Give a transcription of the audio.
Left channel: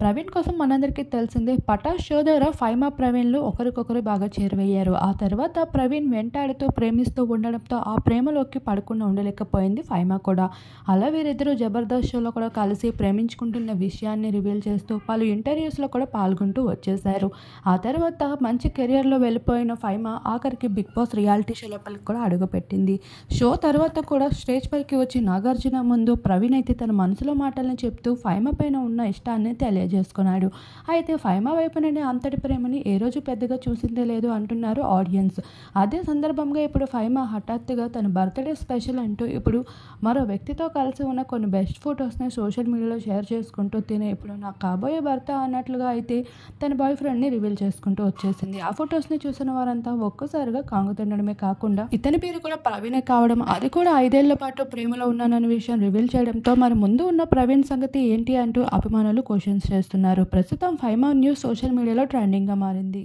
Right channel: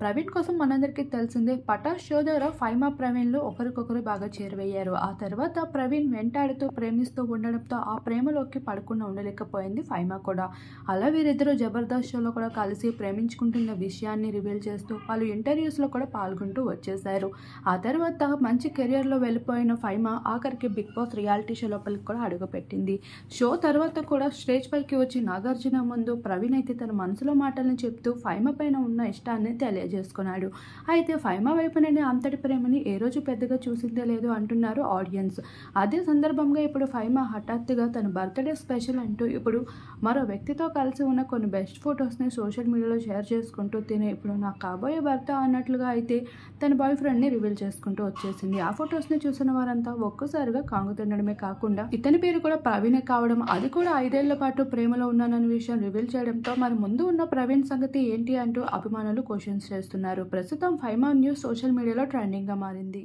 ప్రవీణ్ కోసం మనందరికీ తెలిసిందే 'పటాస్' షో ద్వారా ఫైమా, ప్రవీణ్‌లు ఒకరికొకరు బాగా చేరువయ్యారు. ఆ తర్వాత ప్రవీణ్ వెంటాడుతూ, ప్రేమిస్తూ ఉండడంతో ఆ ప్రేమలోకి పడకుండా ఉండలేకపోయింది ఫైమా కూడా. అలా వీరిద్దరూ 'జబర్దస్త్' షోలో కూడా కలిసి ప్రేమించుకుంటున్న విషయాన్ని రివీల్ చేస్తూ పలు ఇంటర్వ్యూస్‌లో కూడా పాల్గొంటూ వచ్చేశారు. ఆ తర్వాత మంచి కెరియర్‌లో వెళ్ళిపోయిన ఫైమా ఆఖరికి 'బిగ్ బాస్' రియాలిటీ షో లోపలికి కూడా అడుగుపెట్టింది. షో తర్వాత కూడా స్టేజ్ పైకి వచ్చి నాగార్జున ముందు ప్రవీణ్ అయితే తన మనసులో మాటల్ని చెప్తూ ఫైమా పైన ఉన్న ఇష్టాన్ని తెలియజేసుకున్నాడు. అయితే ఫైమా వైపు నుండి అంతటి ప్రేమని ఏ రోజు పెద్దగా చూసిందే లేదు అంటున్నారు ఆడియన్స్. అదే సందర్భంగా ఇప్పుడు ఫైమా హఠాత్తుగా తన బర్త్‌డే స్పెషల్ అంటూ ఇప్పుడు మరో వ్యక్తితో కలిసి ఉన్న కొన్ని బెస్ట్ ఫోటోస్‌ని సోషల్ మీడియాలో షేర్ చేసుకుంటూ తిను ఇప్పుడు నా కాబోయే భర్త అన్నట్లుగా అయితే తన బాయ్ ఫ్రెండ్‌ని రివీల్ చేసుకుంటూ వచ్చేసింది. ఆ ఫోటోస్‌ని చూసిన వారంతా ఒక్కసారిగా కంగుతినడమే కాకుండా ఇతని పేరు కూడా ప్రవీణే కావడం, అది కూడా 5 ఏళ్ల పాటు ప్రేమలో ఉన్నానన్న విషయం రివీల్ చేయడంతో మరి ముందు ఉన్న ప్రవీణ్ సంగతి ఏంటి అంటూ అభిమానులు క్వెషన్స్ చేస్తున్నారు. ప్రస్తుతం ఫైమా న్యూస్ సోషల్ మీడియాలో ట్రెండింగ్‌గా మారింది.